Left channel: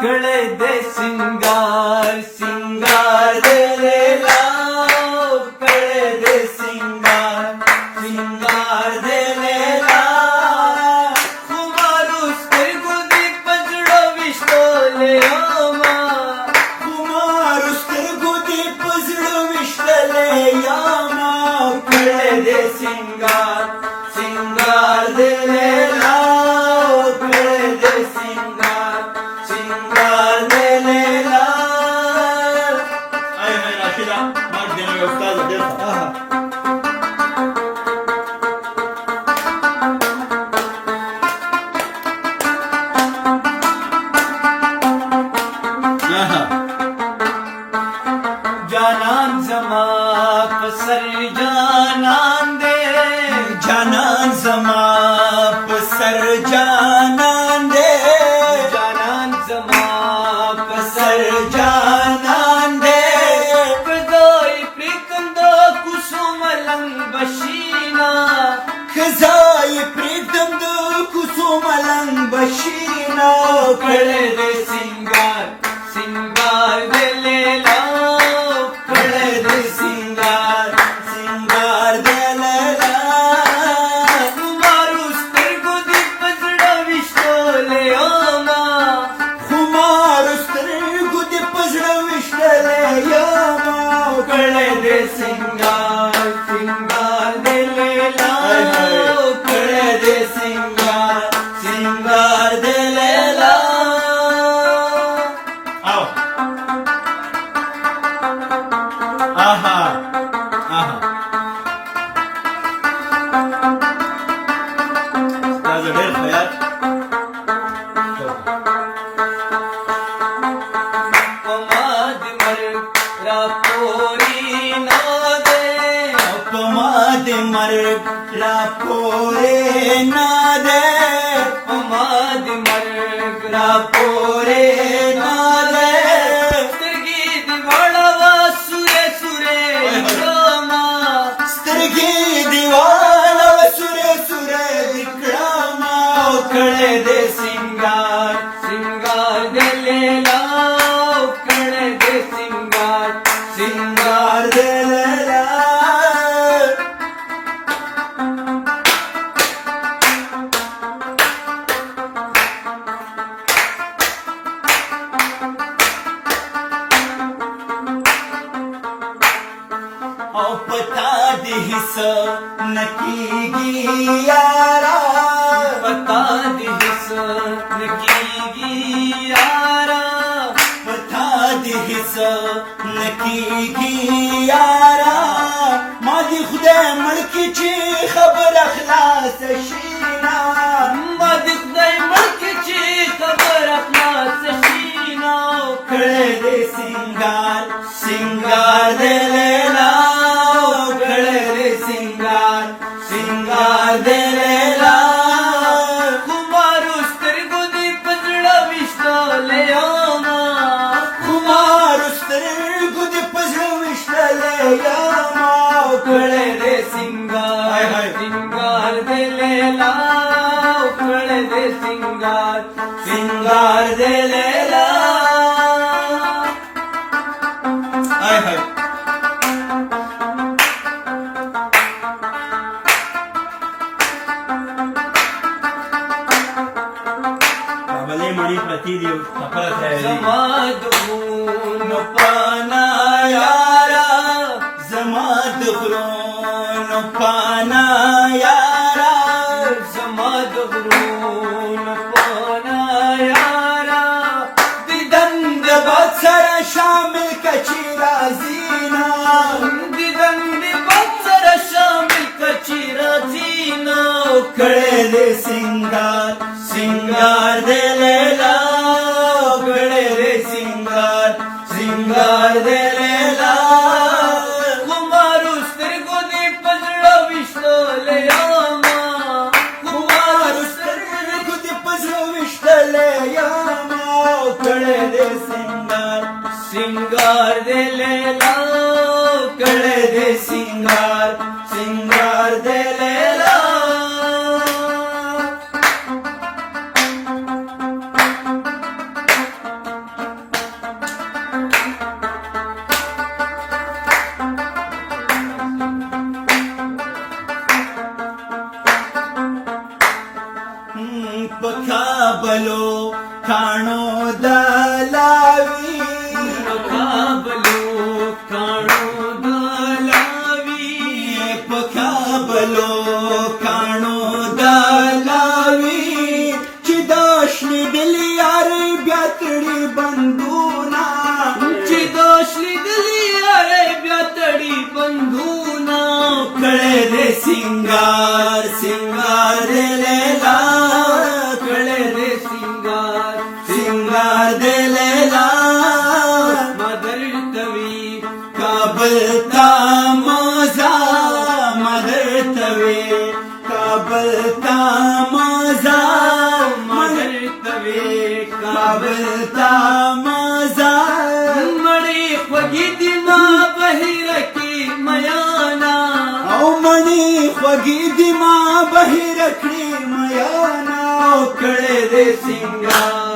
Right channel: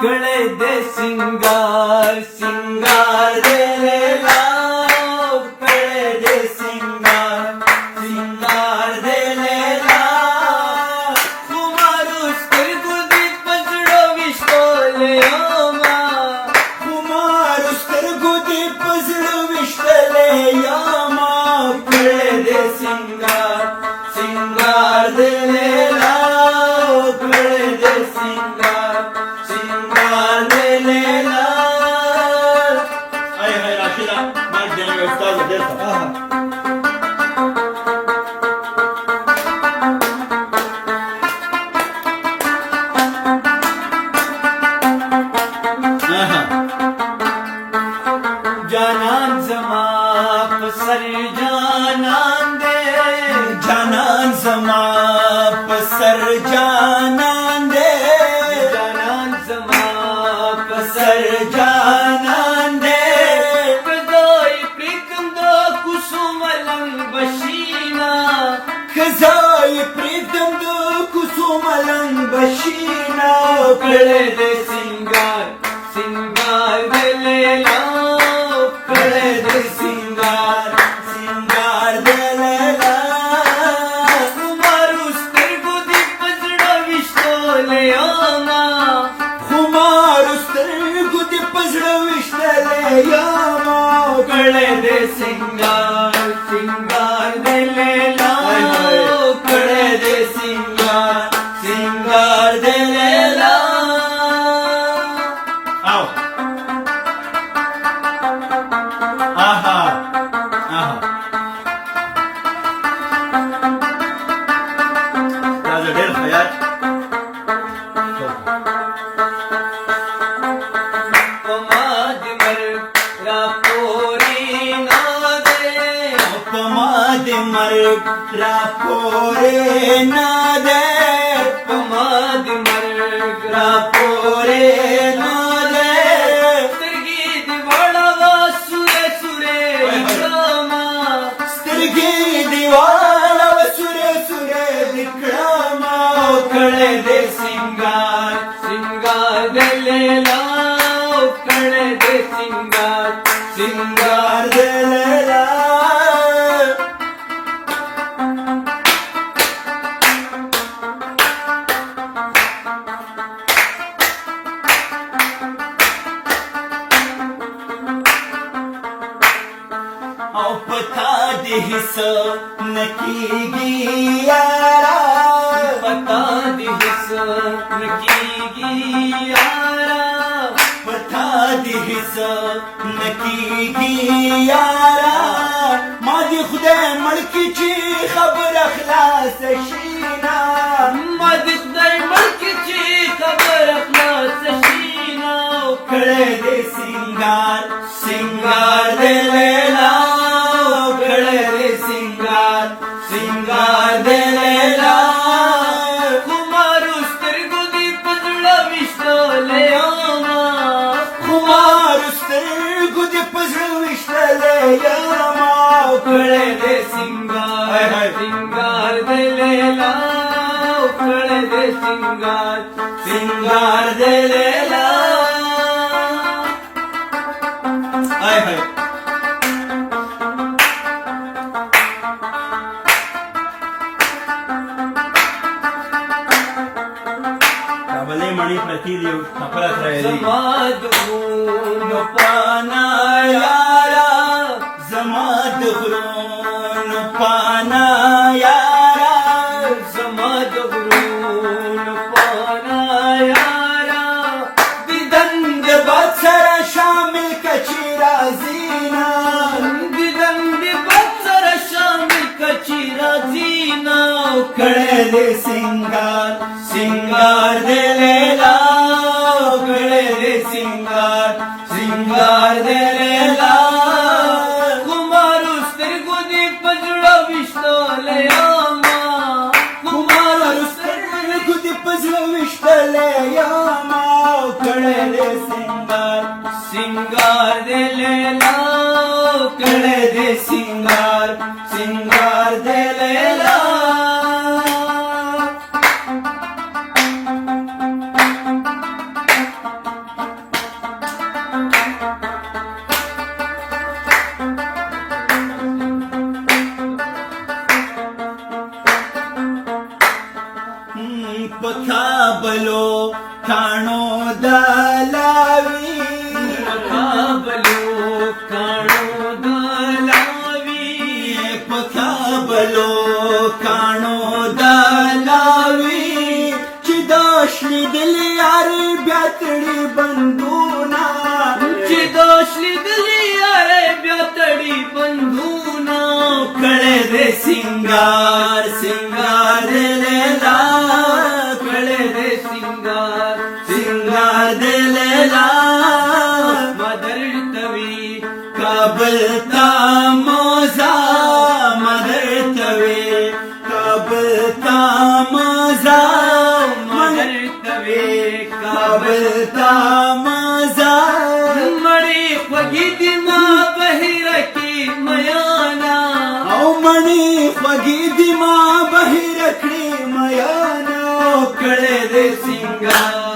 कळे दे सिंगार सिंगार दिलेला कळे दे सिंगार सिंगार दिलेला कुमारुस गुदी पजडो विश्वले यामा कुमारुस गुदी पजडो विश्वले यामा कळे दे सिंगार सिंगार दिलेला कळे दे सिंगार सिंगार दिलेला Ay, Rashida, más de mi estado de esa. जानान जमा पसर जानान दे जानान जमा पसर जानान दे जानान जमा पसर जानान दे कदोई प्रीतम दो कुसुमलं बशीना खजाई प्रीतम दो कुसुमलं बशीना कळे दे सिंगार सिंगार दिलेला कळे दे सिंगार सिंगार दिलेला कुमारुस गुदी पजडा विश्वले यामा खुमारुस गुदी पजड विश्वले यामा कळे दे सिंगार सिंगार दिलेला कळे दे सिंगार सिंगार दिलेला आओ आहा आहा त्याचं वेळ तयार पमाद मर रापोरी नादे अपमाद मर्ग रापोरे नादे पमाद मर रापोरे नादे गीत वळवा सुरे सुरे रामा स्त्रगी दिवाळ सुरे सुरे विक्रमा कळे दे सिंगार सिंगार दिलेला कळे दे सिंगार सिंगार दिलेला पता दिस नकी गियारा पता दिस की गियारा पता दिस नकी गियारा माझी खुदे मडकीची खबर अखलास शीना मदिक दय मडकीची खबर आपला सशीना कळे दे सिंगार सिंगार दिलेला कळे दे सिंगार सिंगार दिलेला कुमारुस गुदी पजडा विश्वले यामा कुमारुस गुदी पजड विश्वले यामा कळे दे सिंगार सिंगार दिलेला कळे दे सिंगार सिंगार दिलेला हाय हाय काबले मणि प्रतिदेव कपडा तयारी समाधून पाना यारा जमात खुरून पाना यारा समाधून पाना यारा दिदंग बत्सर शामिल कची राजीना दिदंग बत्सर शामिल कची राजीना कळे दे सिंगार सिंगार दिलेला कळे दे सिंगार सिंगार दिलेला कुमार سنگار دے لیلا کړه دې سنگار سنگار دې لیلا پکابلو کانو دلاوی مقابلو کانو دلاوی پکابلو کانو دلاوی چې داشلی دل یار بیا تړي بندونا چې دوشلی دلی آئے بیا تڑی بندونا کړه دې سنگار سنگار دې لیلا کڑے دے سنگار سنگار دې لیلا مدر توی کابل تا موزا مدر توی کابل تا موزا مدر توی کابل تا موزا مڑی خوگی دی ماں بہیر کی میانا او مڼی خوږی دی ما بهر کړې میانا کڑے دے سنگار